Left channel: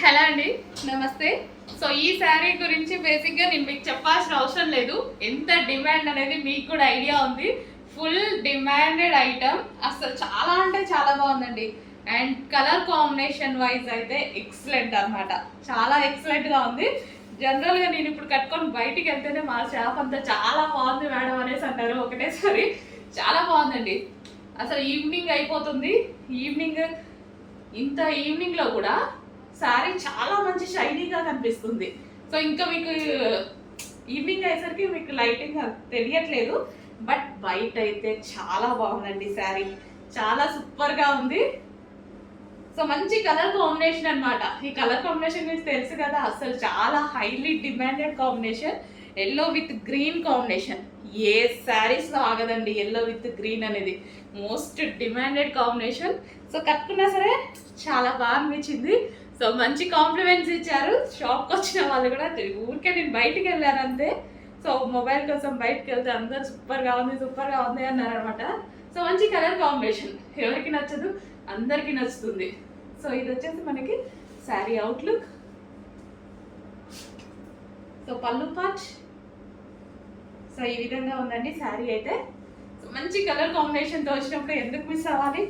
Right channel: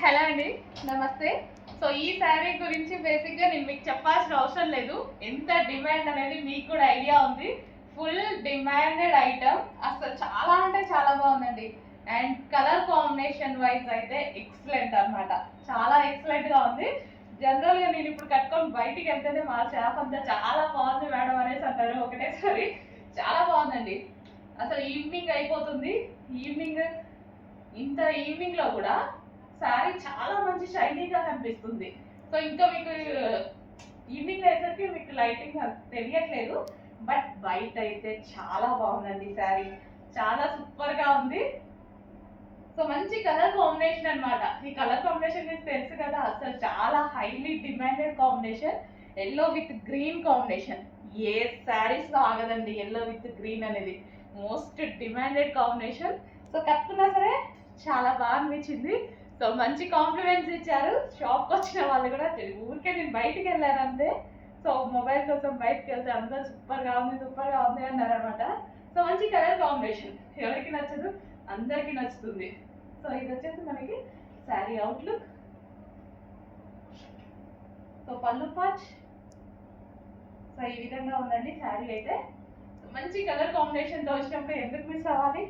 Hello అండి, నమస్తే. So ఈ శారీ గురించి బేసిక్గా నేను మీకు చెప్పాల్సిన అవసరం లేదు. ఎంత డిమాండ్ అనేది మీకు కూడా ఐడియా ఉంది. Full demanded item. అసలు చాలా అంటే చాలా బాగుందండి. అండ్ కలర్ కాంబినేషన్ వైజ్ అయితే ఎక్సలెంట్ అనమాట. చాలా ఎక్సలెంట్గా ఉంది. జనరల్గా నేను ఇప్పుడు కట్టుకొని బయటికి వెళ్తేనే మా షాప్ అంతా చాలా బాగుంది మేడం అనేసి అంటారు ఒకటేసారి. చాలా బాగుందండి. అసలు ఈవినింగ్ అయిపోతుంది. ఈవినింగ్లో కూడా శారీ చాలా మంచి షైనీగా కనిపిస్తుంది. సో ఇంకా మీకు ఈవినింగ్ అయ్యేసరికి మీకు లైటింగ్ తెలియట్లేదు, బట్ బయట అయితే చాలా బాగుందండి. శారీ చాలా సూపర్గా ఉంది. సో మంచి కలర్ కాంబినేషన్ అనమాట. ఈ కలర్ కాంబినేషన్ గురించి తెలుసు కదా, అసలు చాలా highly demanded combination. Yellow with green combination ఏ శారీస్లో ఆగదండి. ఎల్లో విత్ గ్రీన్ అనేది మోస్ట్ డిమాండెడ్ కాంబినేషన్. సో కట్టుకున్నా సరే చాలా బాగా అనిపించింది. సో మంచి కాంప్లిమెంట్స్ ఇచ్చారు. షాప్కి వచ్చిన వాళ్ళు కూడా ఊరికే నేను బయటికి వెళ్ళాను అంతే. సో మొబైల్ కోసం బయటకు వెళ్తే అందరు సూపర్గా ఉంది అన్నారనమాట. సో మంచి కలర్ కాంబినేషన్ ఎవరికి నచ్చదు, అందరికీ నచ్చుతుంది. సో ఇది వచ్చేసి మనకి శారీ అవుట్లుక్. సో పళ్ళు పార్ట్ సో ఈ విధంగా ఉందండి శారీ అయితే. సో మంచి కలర్ కాంబినేషన్తో వచ్చినప్పుడు ఎందుకు మిస్ అవ్వాలి.